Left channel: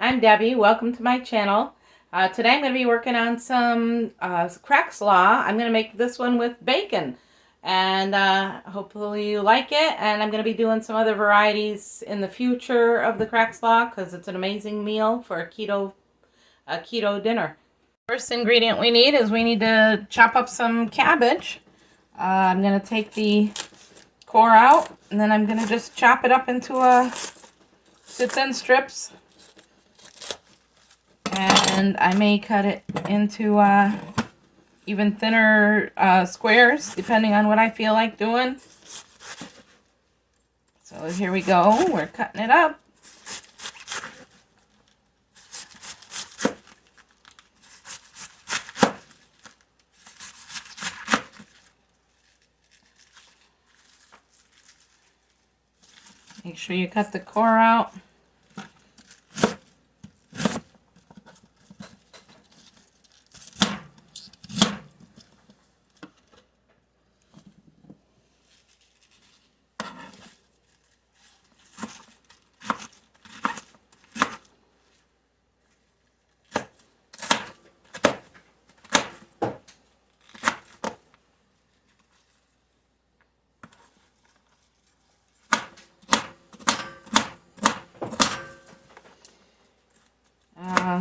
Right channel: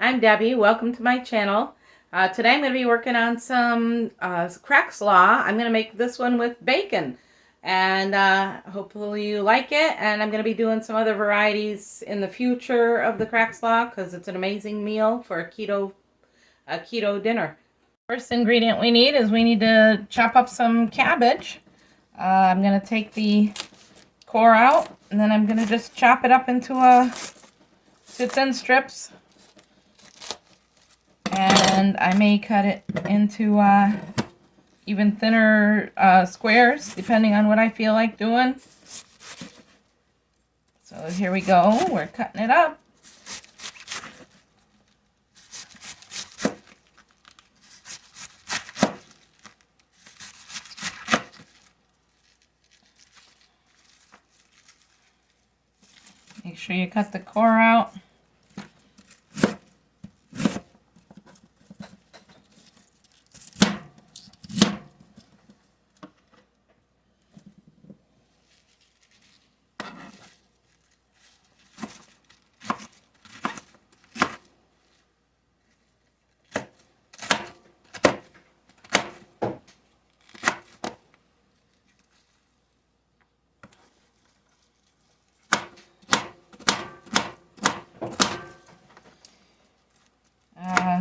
I'm Debbie. Welcome to my channel. Today I'm going to be working on some Crackslaw. I'm going to make this one with bacon, and hopefully you like it. And I'm going to be doing some other varieties in the future of the Crackslaw because it's an amazing meal for a keto dinner. First ingredient we need is we need to chop up some cabbage. I'm going to take the core out, and then I'm going to just chop it up into thin strips. And I may cut it into even thinner squares, depending on what I feel like doing. So here we go. We're cutting it up. Make sure you cut the core out.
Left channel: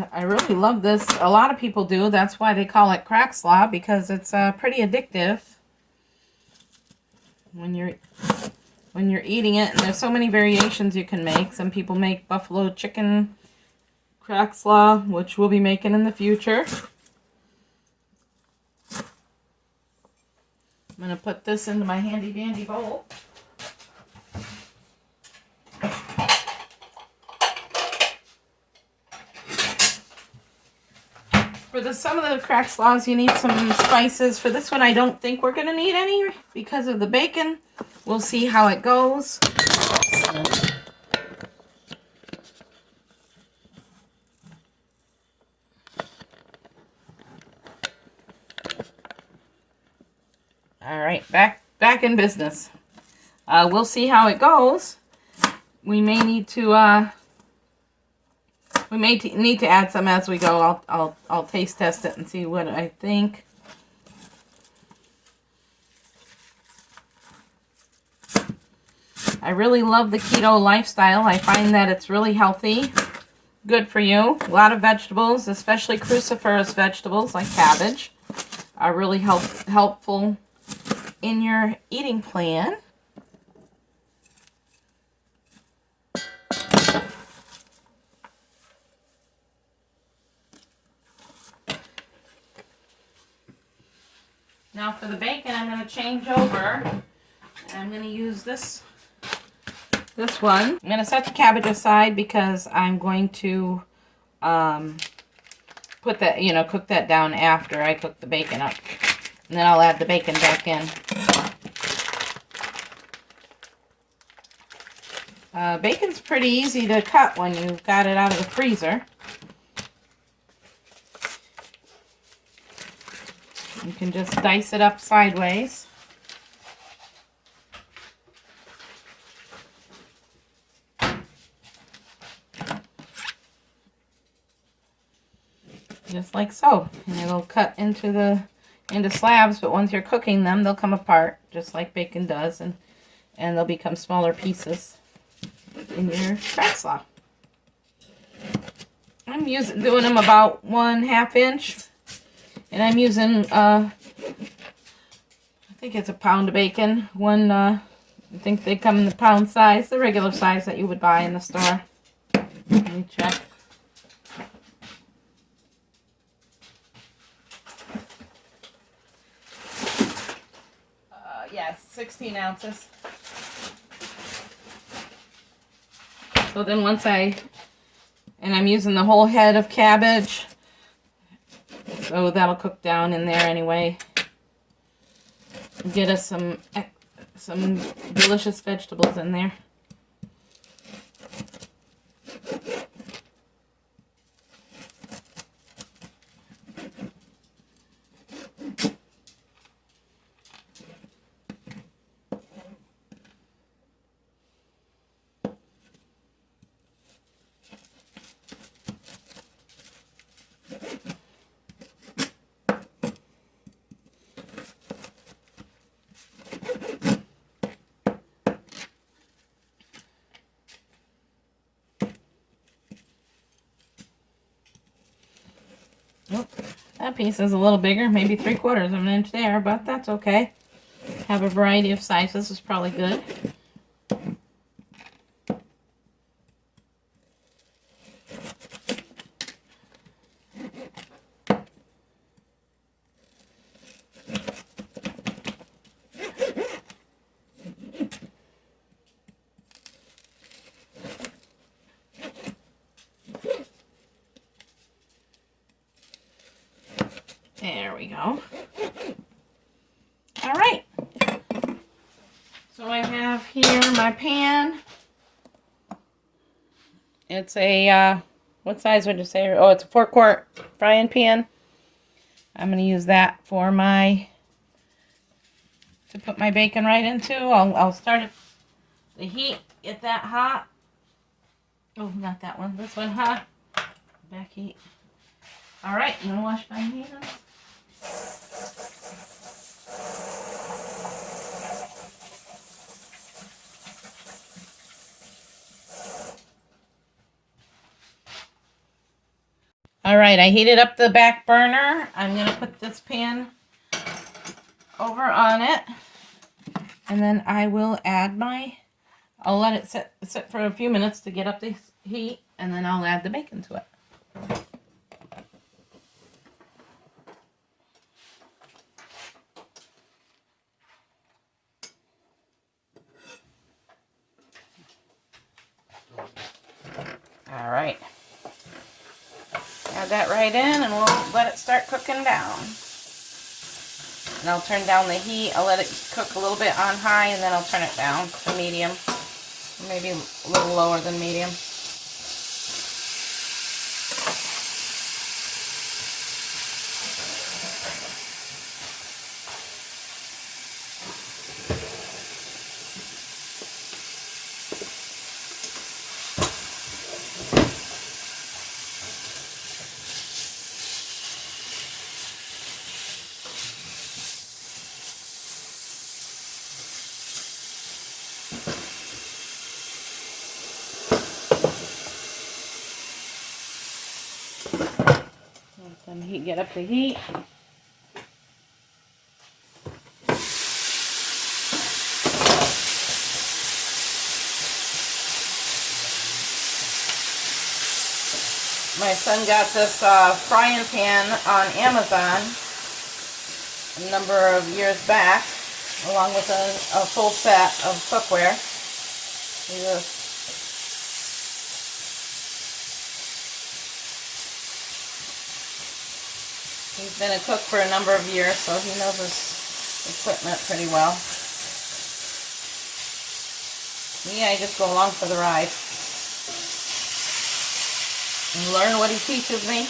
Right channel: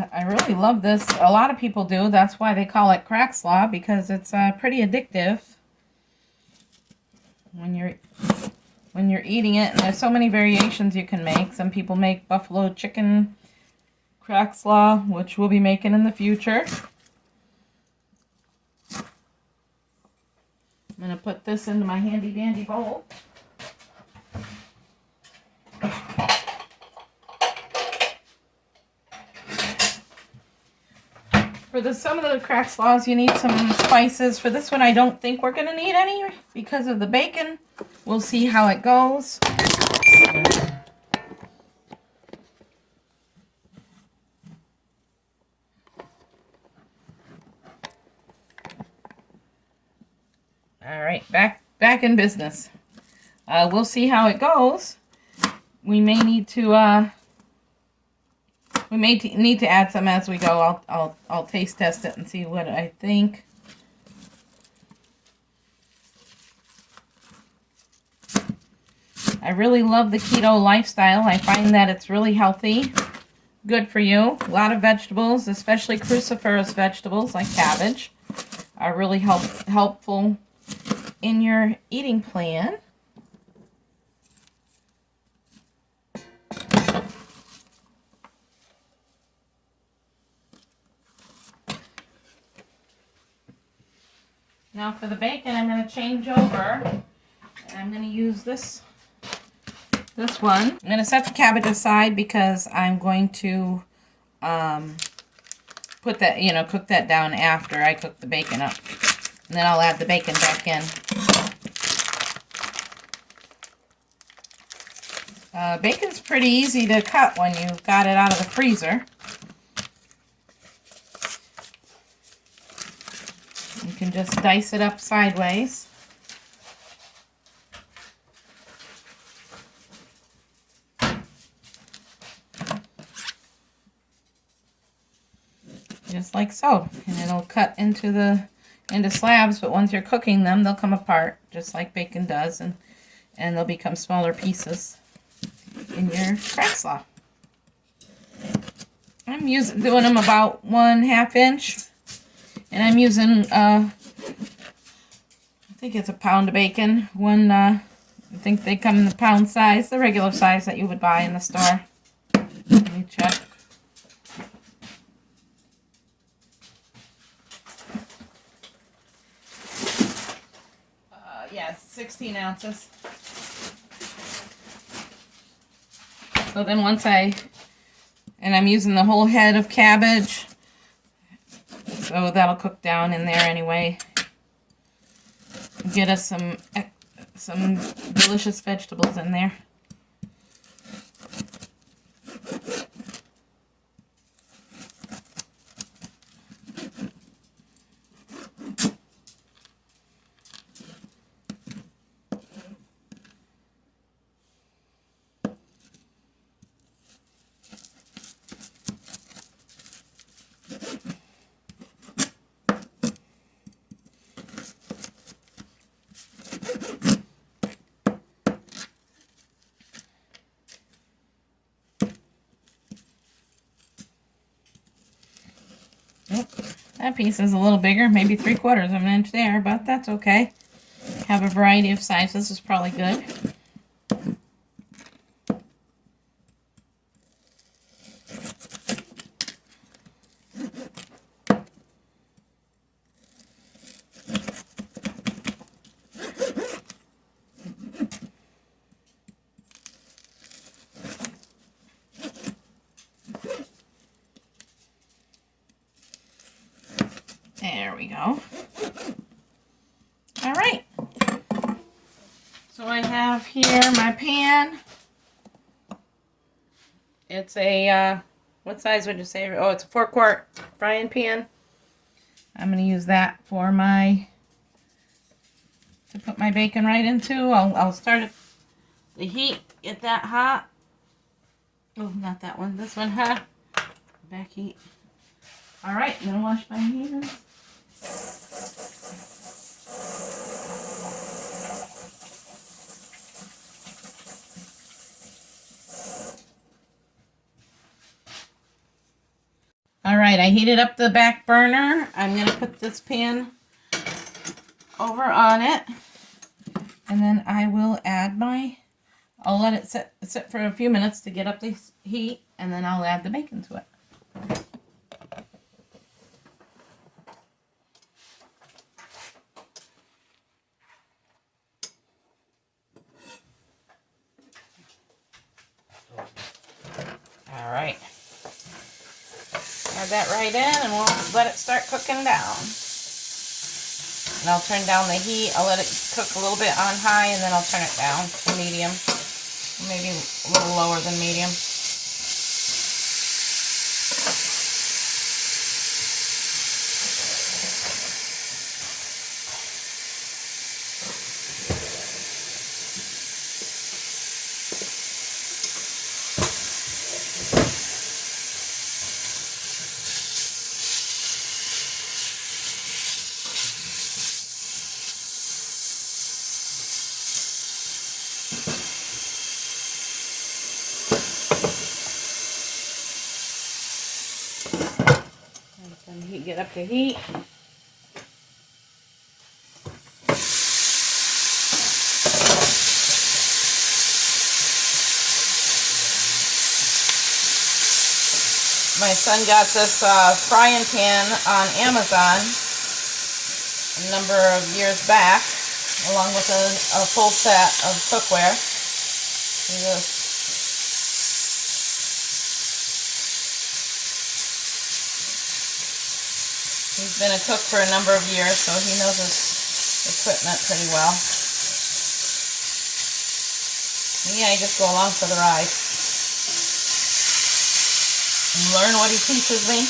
I really love this. A lot of people do. That's why they call it Crackslaw, because it's pretty addictive when you're eating it. And there's so many variations you can make. Some people make buffalo chicken Crackslaw, which we'll be making in the future. I'm going to put this into my handy dandy bowl. For some of the Crackslaws, you need some spices. For this one, I don't think we're going to need any because of the bacon. We'll see how it goes. All right, back in business. We'll see how it goes. We may need to need to add some as we go. I'll taste test it and see what I think. I really love the keto lifestyle. I find that it's really healthy, good for you. A lot of vegetables, especially cruciferous vegetables like cabbage, are really helpful in your eating plan. Now for the bacon, I'm going to change over, and I'm going to use this one. I'm going to set the cabbage aside because I'm going to put that, cook that down after I cook the bacon up. And then I'll add the bacon back in. Bacon's pretty easy to cut when you've got it out of the freezer. You can just dice it up sideways. Just like so. And it'll cut into slabs, but once you're cooking them, they'll come apart, just like bacon does, and they'll become smaller pieces in your Crackslaw. I'm doing them about 1/2 inch. And I'm using, I think it's a pound of bacon. I think they come in the pound size, the regular size that you would buy in the store. Let me check. Yes, 16 ounces. So then I'm using the whole head of cabbage. So that'll cook down in there anyway. Get us some delicious vegetables in there. That piece is a little bigger, maybe 3/4 of an inch there, but that's okay. Have a variety of sizes is probably good. There we go. All right. So I have here my pan. It's a, what size would you say? Oh, it's a 4-quart frying pan. I'm going to use that for to put my bacon right into. I'll start the heat, get that hot. Oh, not that one. This one hot. Back heat. All right, I'm going to wash my hands. All right, I heated up the back burner. I'm going to put this pan over on it. And then I will add I'll let it sit for a few minutes to get up the heat. And then I'll add the bacon to it. All right. Add that right in and we'll let it start cooking down. And I'll turn down the heat. I'll let it cook a little bit on high and then I'll turn it down to medium. Maybe a little lower than medium. Get up to heat. My son got this frying pan on Amazon a number of years back, along with a full set of cookware. He's been a cook for a number of years, so he knows his equipment pretty well. Yeah, I just go along for the ride and learn what he teaches me.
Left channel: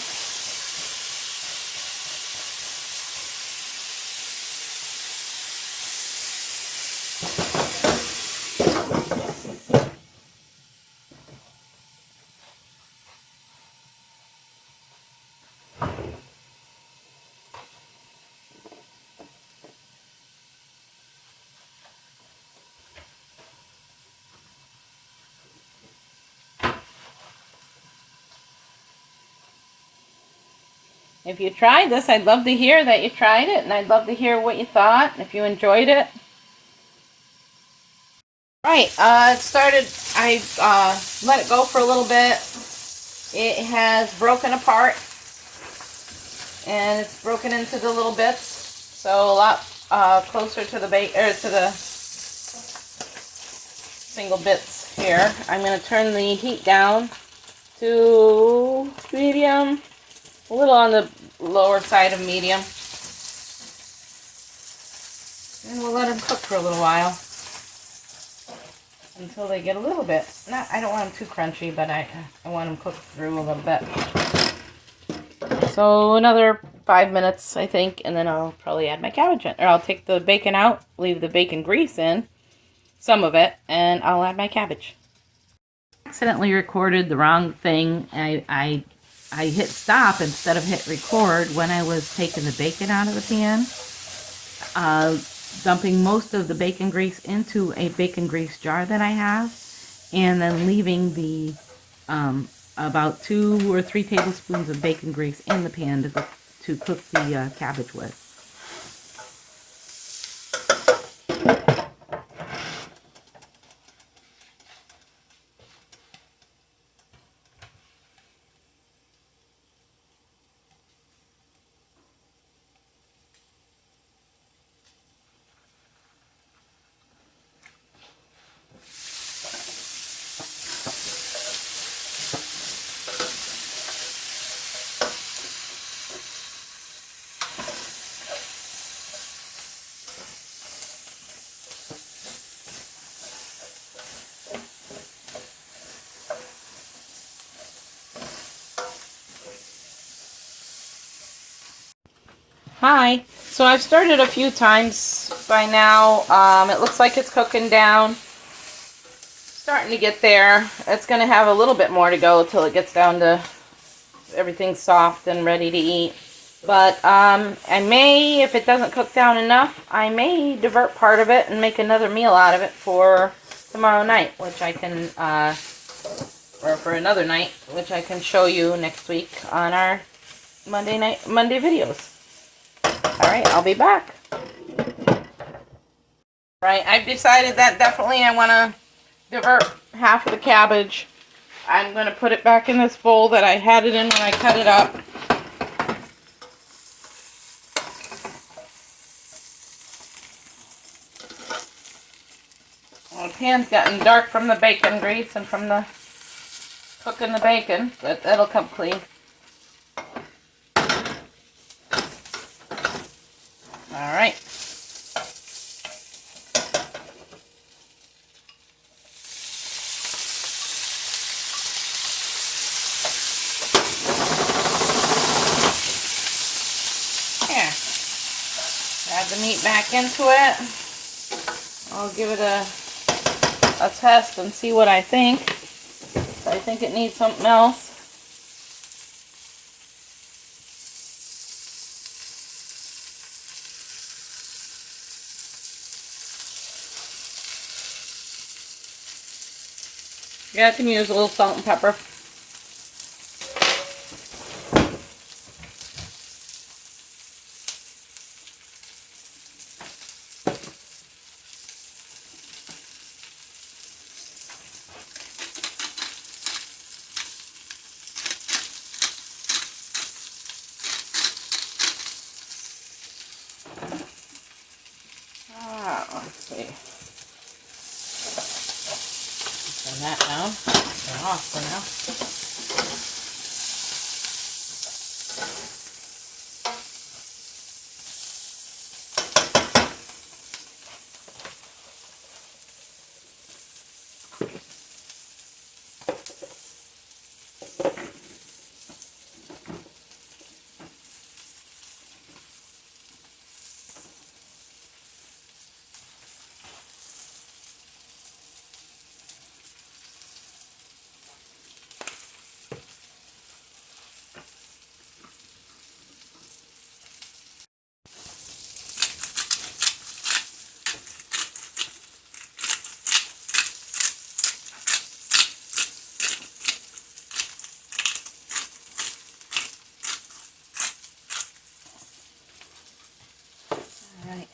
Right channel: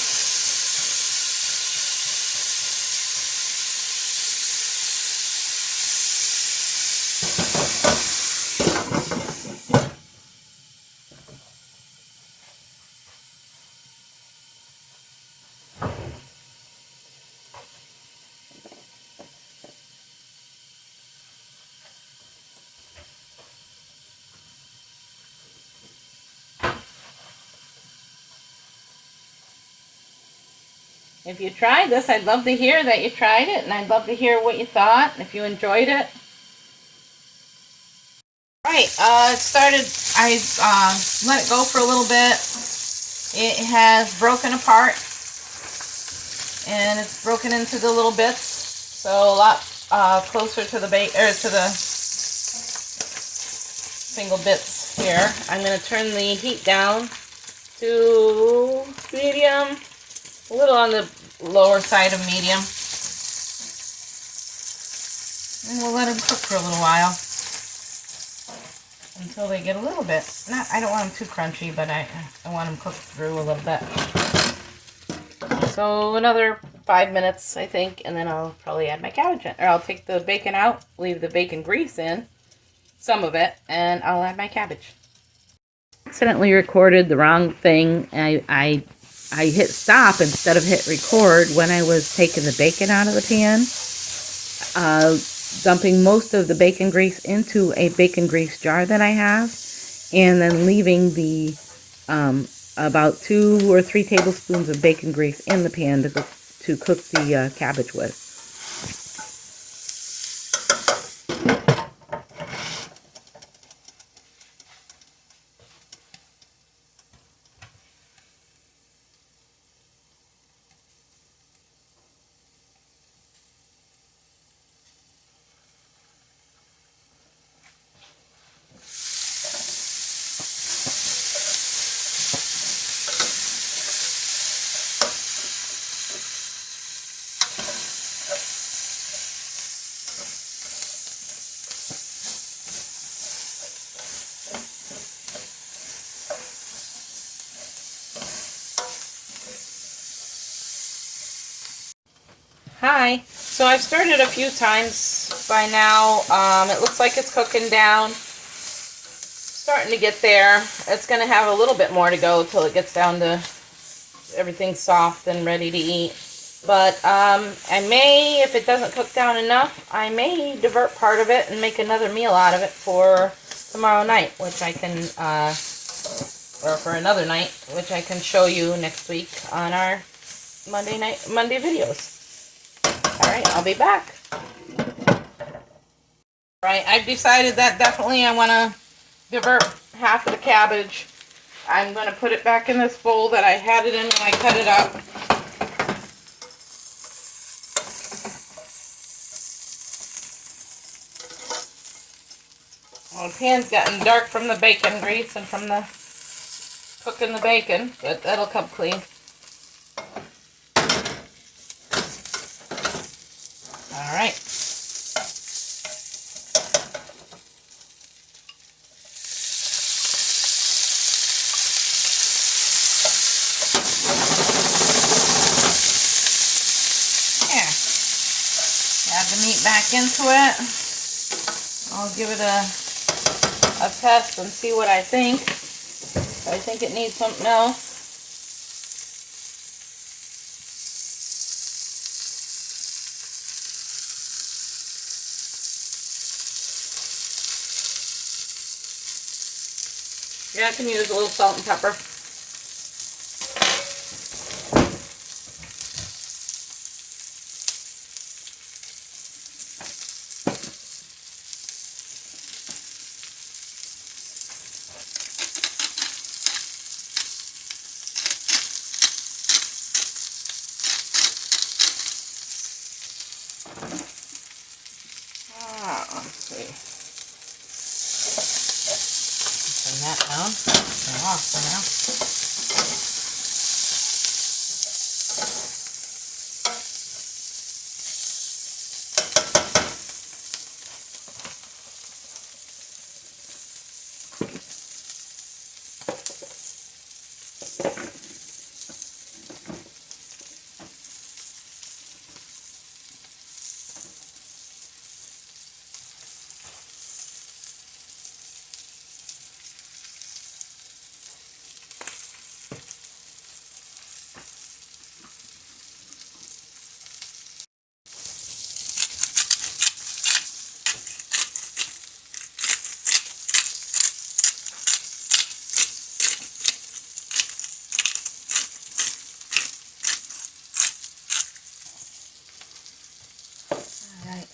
If you tried this, I'd love to hear that you tried it, and I'd love to hear what you thought, if you enjoyed it. Right, it started, I let it go for a little bit. It has broken apart, and it's broken into the little bits, so a lot closer to the to the single bits here. I'm going to turn the heat down to medium. A little on the lower side of medium. And we'll let them cook for a little while. Until they get a little bit. I don't want them too crunchy, but I want them cooked through a little bit. So another 5 minutes, I think, and then I'll probably add my cabbage in. Or I'll take the bacon out, leave the bacon grease in, some of it, and I'll add my cabbage. I accidentally recorded the wrong thing. I hit stop instead of hit record when I was taking the bacon out of the pan, dumping most of the bacon grease into a bacon grease jar that I have, and then leaving the about 2 or 3 tablespoons of bacon grease in the pan to cook the cabbage with. Hi. So I've stirred a few times by now. It looks like it's cooking down. Starting to get there. It's going to have a little bit more to go till it gets down to everything soft and ready to eat. But I may, if it doesn't cook down enough, I may divert part of it and make another meal out of it for tomorrow night, which I can, or for another night, which I can show you next week on our Monday videos. Alright, I'll be back. Right, I've decided that definitely I want to divert half of the cabbage. I'm going to put it back in this bowl that I had it in when I cut it up. Well, the pan's gotten dark from the bacon grease and from the cooking the bacon, but that'll come clean. Alright. There. Add the meat back into it. I'll give it a test and see what I think. If I think it needs something else. Yeah, I can use a little salt and pepper. Let's see. Turn that down. Turn off for now. Alright.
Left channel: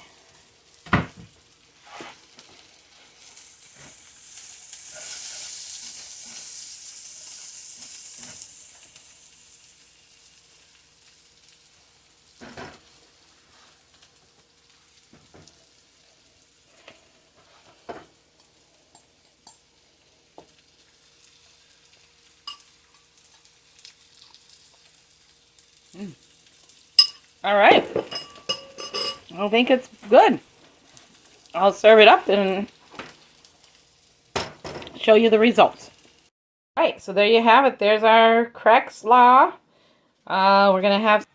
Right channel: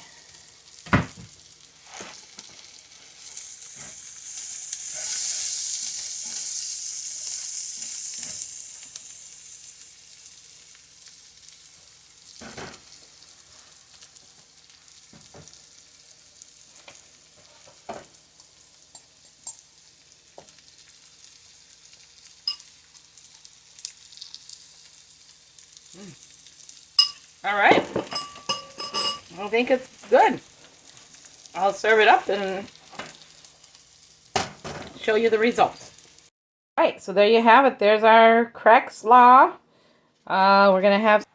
All right. I think it's good. I'll serve it up and show you the results. All right, so there you have it. There's our Crackslaw. We're going to have...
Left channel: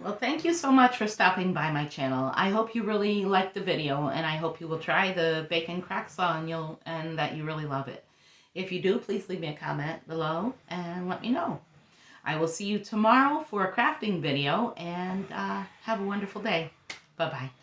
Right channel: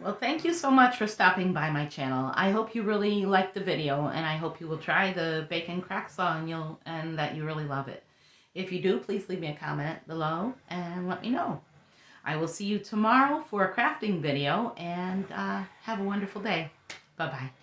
Well, thank you so much for stopping by my channel. I hope you really liked the video, and I hope you will try the bacon Crackslaw and that you really love it. If you do, please leave me a comment below and let me know. I will see you tomorrow for a crafting video, and have a wonderful day. Bye-bye.